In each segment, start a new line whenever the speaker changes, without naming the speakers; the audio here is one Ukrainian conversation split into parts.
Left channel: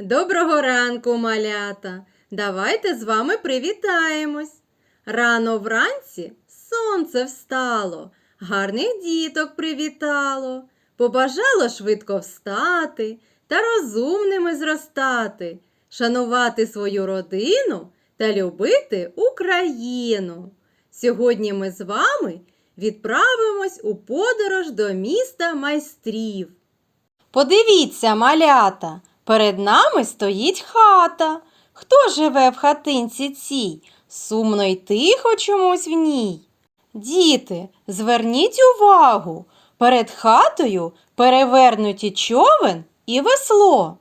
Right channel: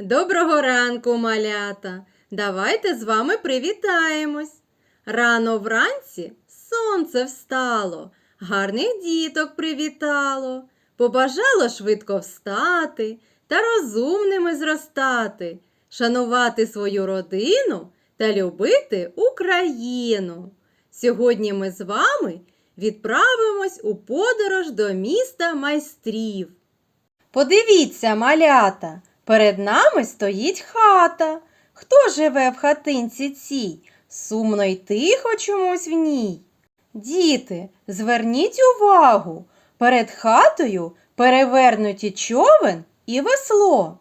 Доброго ранку, малята! Давайте з вами привітаємось. Рано вранці сонце встало, гарних діток привітало, побажало швидко встати та розумними зростати, шанувати свою родину та любити Україну. Сьогодні ми з вами відправимось у подорож до міста майстрів. Подивіться, малята, перед нами стоїть хата. Хто живе в хатинці цій? Сумно й тихо чомусь в ній. Діти, зверніть увагу, перед хатою перевернуті човен і весло.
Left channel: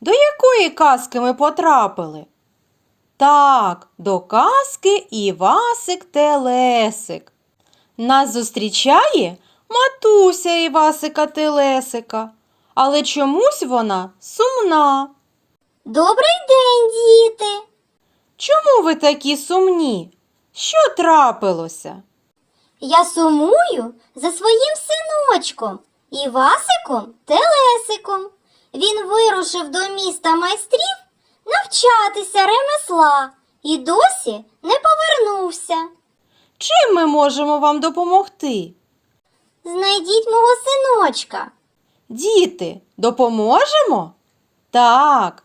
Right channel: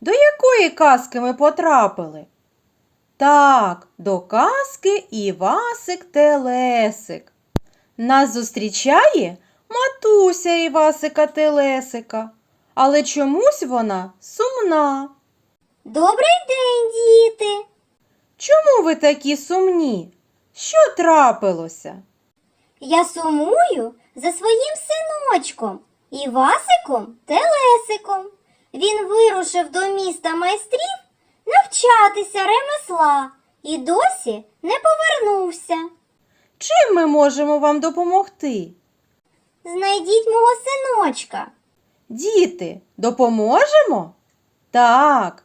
До якої казки ми потрапили? Так, до казки Івасик Телесик. Нас зустрічає матуся Івасика Телесика, але чомусь вона сумна.
Добрий день, діти!
Чому ви такі сумні? Що трапилося?
Я сумую за своїм синочком Івасиком Телесиком. Він вирушив до міста майстрів навчатися ремесла і досі не повернувся.
Чим ми можемо вам допомогти?
Знайдіть мого синочка,
Діти, допоможемо? Так,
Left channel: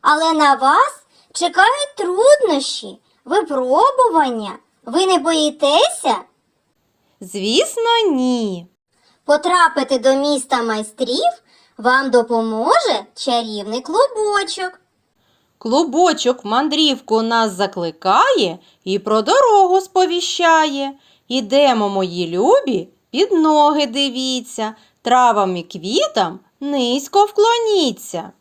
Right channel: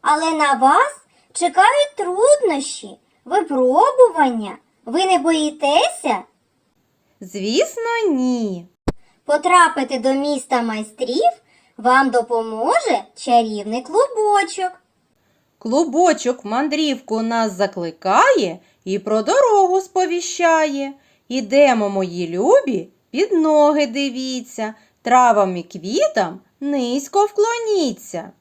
але на вас чекають труднощі, випробування. Ви не боїтеся?
звісно, ні.
Потрапити до міста майстрів вам допоможе чарівний клубочок.
Клубочок мандрівку нас закликає і про дорогу сповіщає. Ідемо, мої любі, під ноги дивіться, травам і квітам низько вклоніться.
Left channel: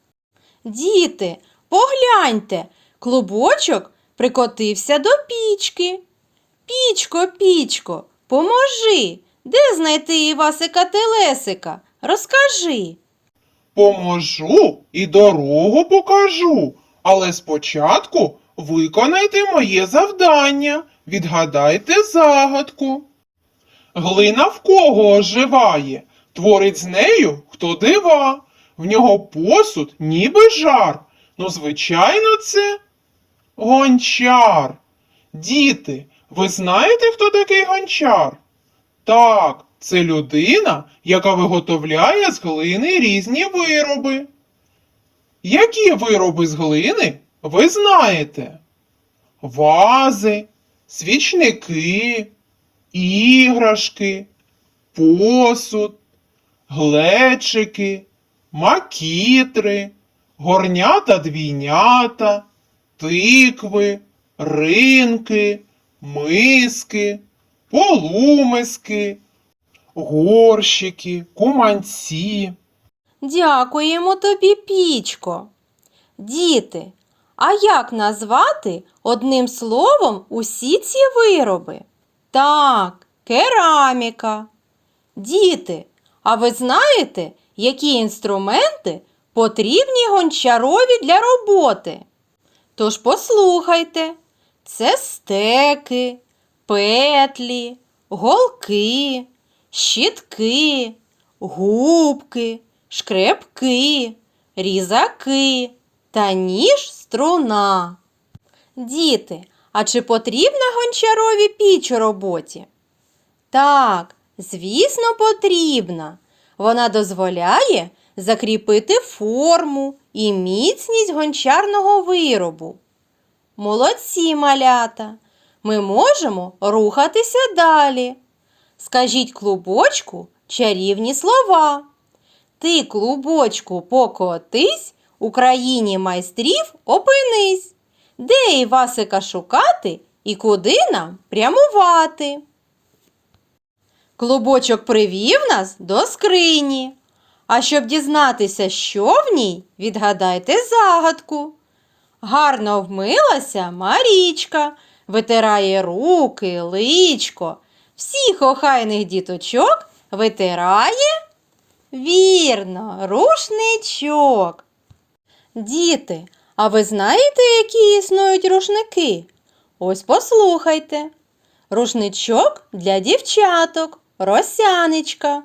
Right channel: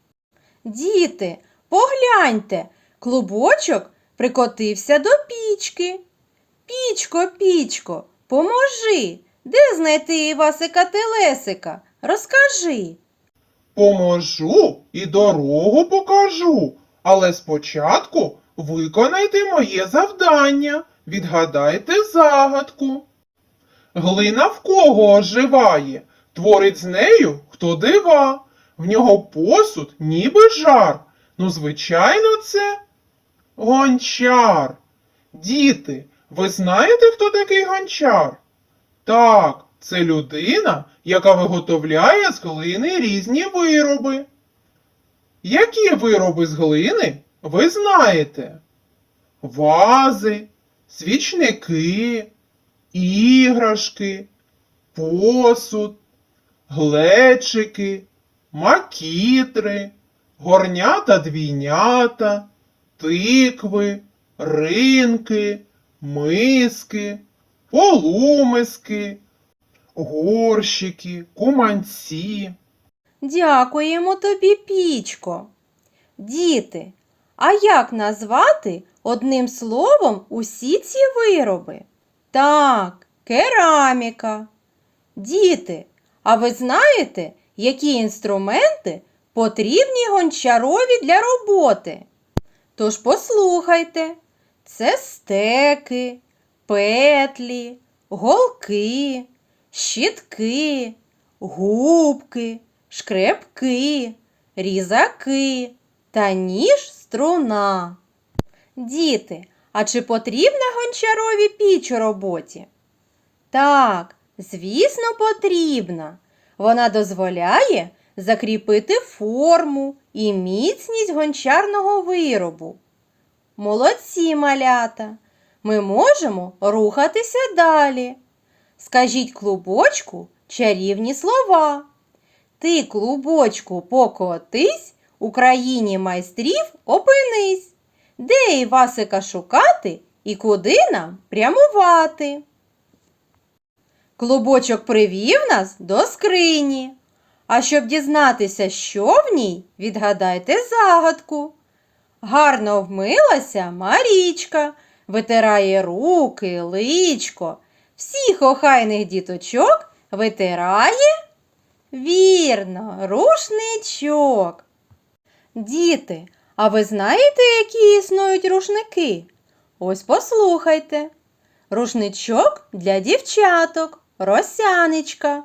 Діти, погляньте, клубочок прикотився до пічки. Пічко, пічко, поможи, де знайти Івасика Телесика? Розкажи.
Поможу і дорогу покажу, але спочатку виконайте моє завдання, відгадайте загадку. Глина в кого оживає, творить з нею хто дива, в нього посуд ніби жар. Ну, звичайно, це гончар. Діти, ви знаєте, хто такий гончар? Так, це людина, яка виготовляє з глини різні вироби. Які вироби з глини ви знаєте? Вази, свічники, іграшки, посуд, глечики, макітри, горнята двійнята, тикви, ринки, миски, полумиски, горщики, куманці.
Дякуємо тобі, пічко. Діти, а як назвати одним словом усі ці вироби? Так, кераміка. Діти, а ви знаєте, які інструменти потрібні гончарові для роботи? Тож послухайте, це стеки, петлі, голки, щітки, губки, шкрепки, різаки та ніж струна. Діти, а чи потрібна гончарові піч у роботі? Так, звісно, потрібна. Вона дозволяє закріпити форму і міцність гончарного виробу. Молодці малята! Ми можемо рухатися далі. Скажіть клубочку чарівні слова. Ти, клубочку, покотись, у країні майстрів опинись. Де Івасика шукати і куди нам прямувати? Клубочок привів нас до скрині. А щоб дізнатися, що в ній, відгадайте загадку. Гарно вмилася Марічка, витирає руки, личко. Всіх охайних діточок витирає. Вірно, рушничок. Діти, а ви знаєте, які існують рушники? Ось послухайте. Рушничок для дівчаток, росяничка.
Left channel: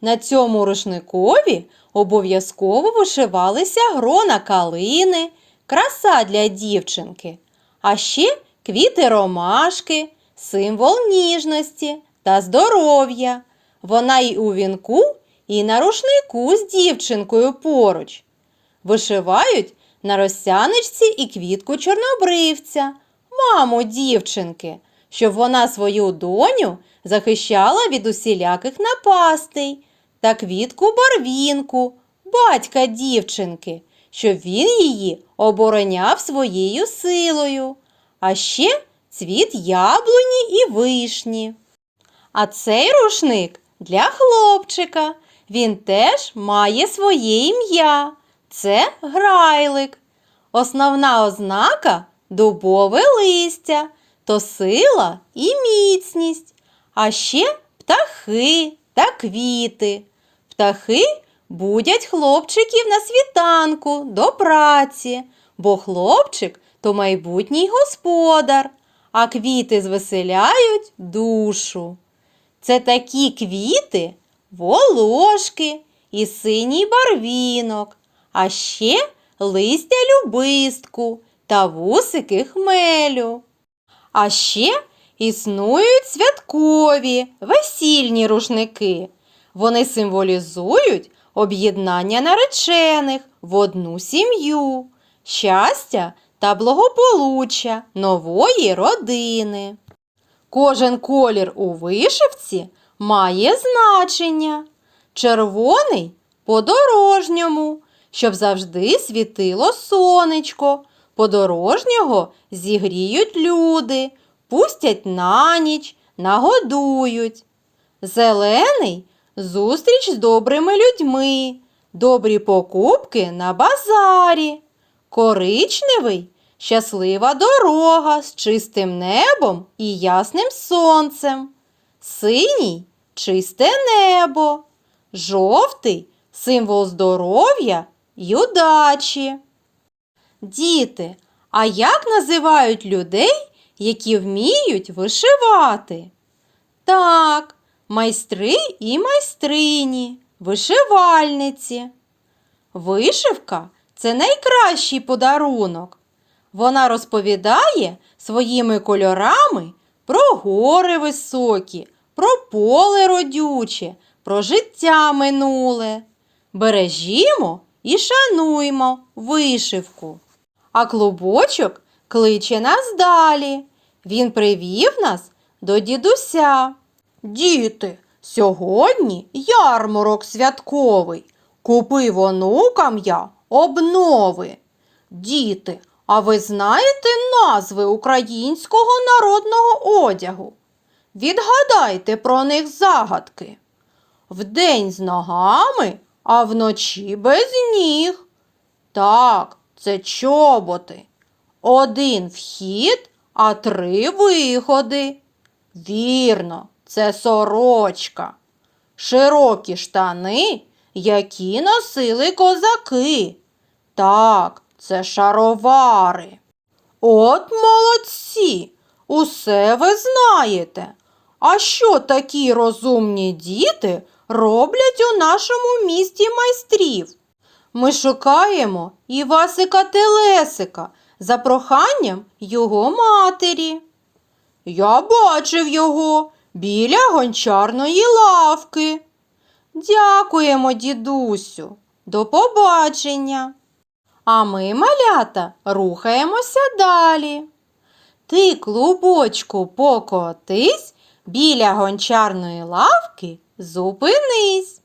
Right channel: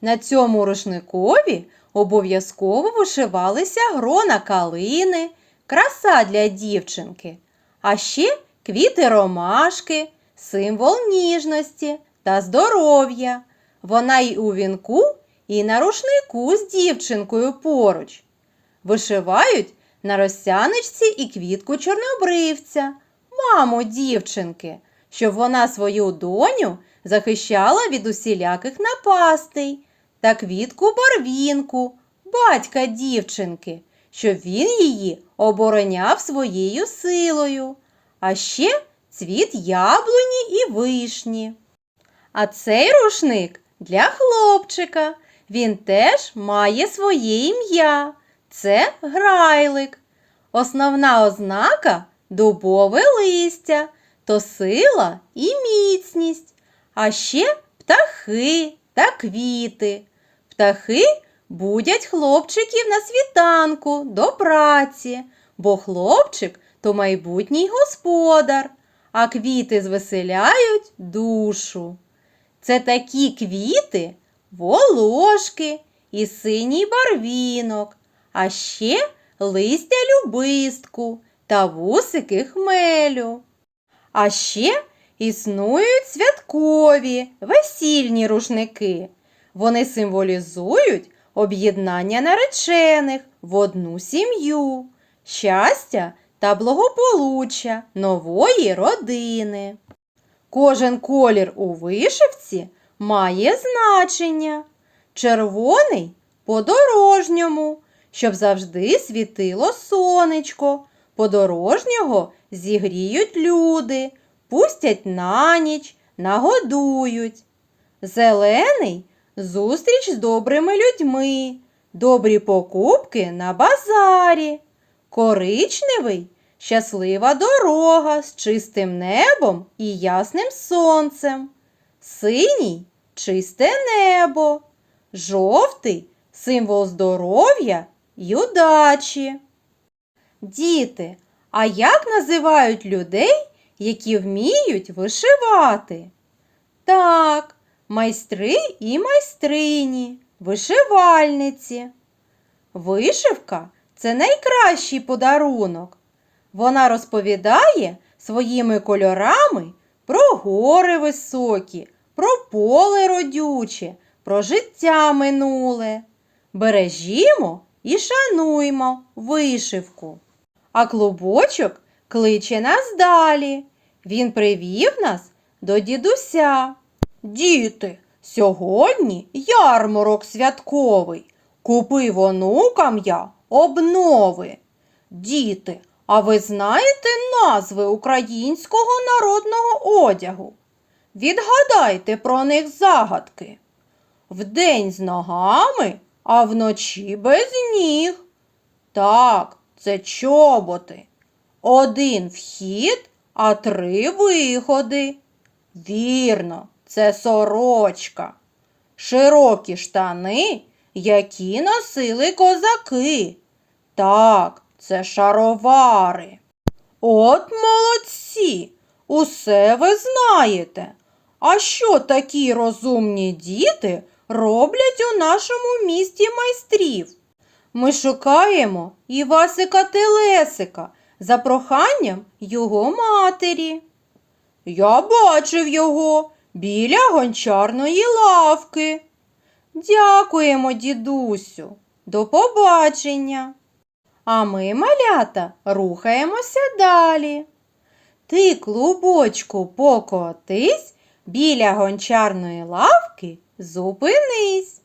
На цьому рушникові обов'язково вишивалися грона калини, краса для дівчинки, а ще квіти ромашки, символ ніжності та здоров'я. Вона й у вінку, і на рушнику з дівчинкою поруч. Вишивають на розсяничці і квітку чорнобривця, маму дівчинки, щоб вона свою доню захищала від усіляких напастей, та квітку барвінку, батька дівчинки, щоб він її обороняв своєю силою, а ще цвіт яблуні і вишні. А цей рушник для хлопчика. Він теж має своє ім'я. Це грайлик. Основна ознака дубове листя, то сила і міцність, а ще птахи та квіти. Птахи будять хлопчиків на світанку до праці, бо хлопчик то майбутній господар, а квіти звеселяють душу. Це такі квіти, волошки і синій барвінок, а ще листя любистку та вусики хмелю. А ще існують святкові весільні рушники. Вони символізують об'єднання наречених в одну сім'ю, щастя та благополуччя нової родини. Кожен колір у вишивці має значення. Червоний подорожньому, щоб завжди світило сонечко. Подорожнього зігріють люди, пустять на ніч, нагодують. Зелений зустріч з добрими людьми, добрі покупки на базарі. Коричневий щаслива дорога з чистим небом і ясним сонцем. Синій чисте небо. Жовтий символ здоров'я й удачі. Діти, а як називають людей, які вміють вишивати? Так, майстри і майстрині, вишивальниці. Вишивка це найкращий подарунок. Вона розповідає своїми кольорами про гори високі, про поле родюче, про життя минуле. Бережімо і шануймо вишивку. А клубочок кличе нас далі. Він привів нас до дідуся. Діти, сьогодні ярмарок святковий. Купив онукам я обнови. Діти, а ви знаєте назви українського народного одягу? Відгадайте про них загадки. Вдень з ногами, а вночі без ніг. Так, це чоботи. Один вхід, а три виходи. Вірно, це сорочка. Широкі штани, які носили козаки. Так, це шаровари. От молодці, усе ви знаєте. А що такі розумні діти роблять у нашому місті майстрів? Ми шукаємо Івасика Телесика за проханням його матері. Я бачив його біля гончарної лавки. Дякуємо, дідусю. До побачення. А ми, малята, рухаємося далі. Ти, клубочку, покотись, біля гончарної лавки зупинись.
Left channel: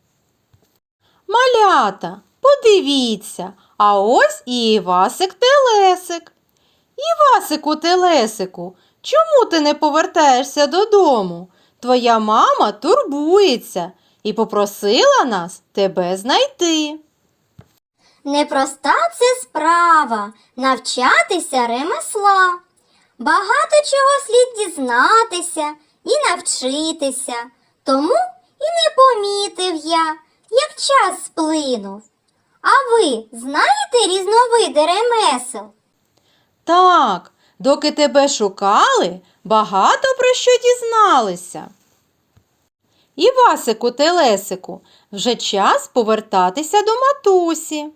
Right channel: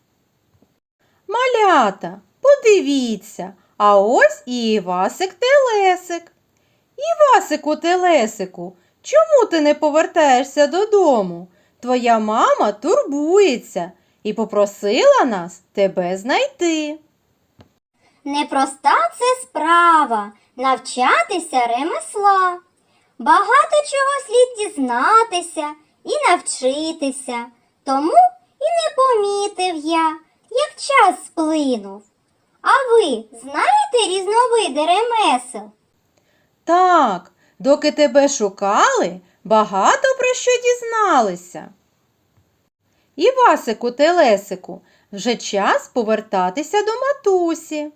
Малята, подивіться, а ось і Івасик Телесик. Івасику Телесику, чому ти не повертаєшся додому? Твоя мама турбується і попросила нас тебе знайти.
Непроста це справа навчатися ремесла. Багато чого слід дізнатися і навчитися. Тому і не помітив я, як час сплинув. А ви знаєте різновиди ремесел?
Так, доки тебе шукали, багато про що дізналися. Івасику Телесику, вже час повертатися до матусі.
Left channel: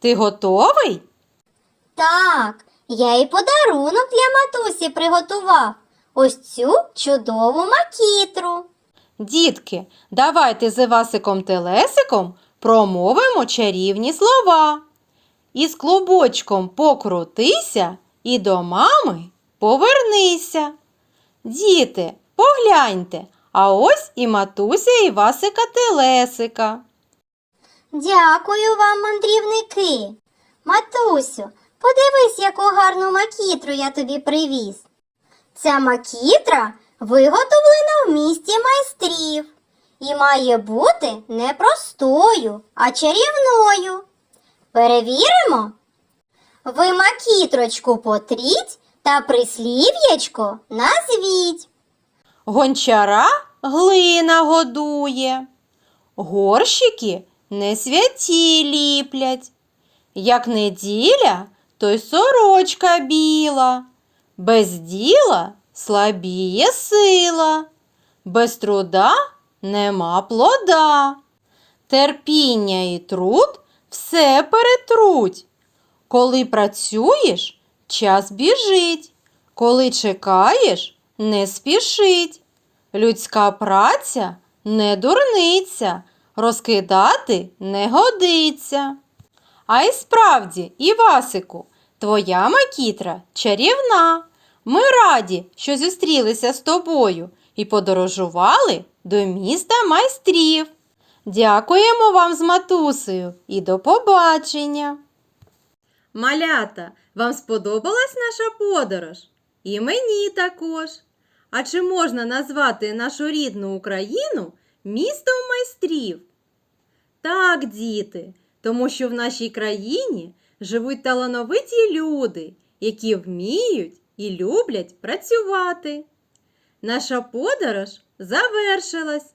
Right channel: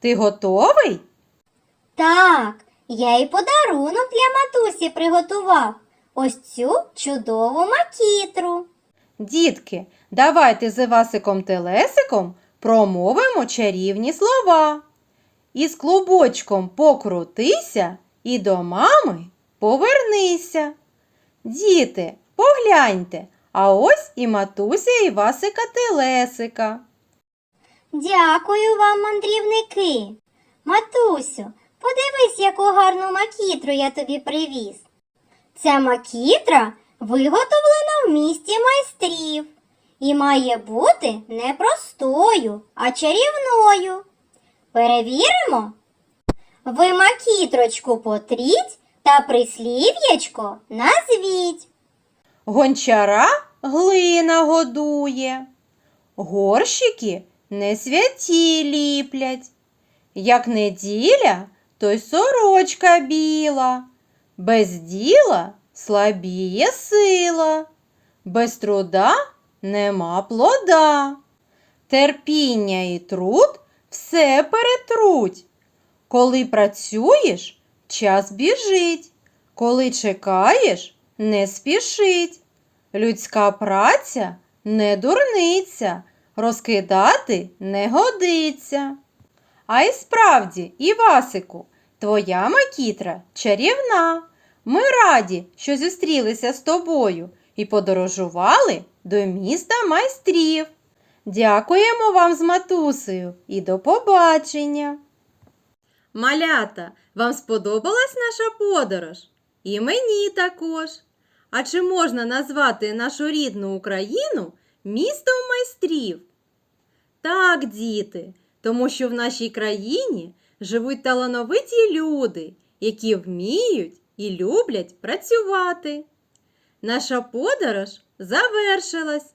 Ти готовий?
Так, я і подарунок для матусі приготував. Ось цю чудову макітру.
Дітки, давайте з Івасиком Телесиком промовимо чарівні слова. Із клубочком покрутися і до мами повернися. Діти, погляньте, а ось і матуся Івасика Телесика.
Дякую вам, мандрівники. Матусю, подивись, яку гарну макітру я тобі привіз. Ця макітра виготовлена в місті майстрів і має бути не простою, а чарівною. Перевіримо. Ви макітрочку потріть та прислів'ячко назвіть.
Гончара глина годує, горщики не святі ліплять. Як неділя, то й сорочка біла, без діла слабіє сила, без труда нема плода. Терпіння і труд все перетруть. Коли працюєш, час біжить, коли чекаєш, не спішить. Людська праця не дурниця, розкидати не годиться. А й справді, Івасику, твоя макітра чарівна. Ми раді, що зустрілися з тобою і подорожували до міста майстрів. Дякуємо вам з матусею і до побачення. Малята, вам сподобалась наша подорож? І мені також. А чи можна назвати нашу рідну Україну містом майстрів? Так, діти, тому що в нашій країні живуть талановиті люди, які вміють і люблять працювати. Наша подорож завершилась,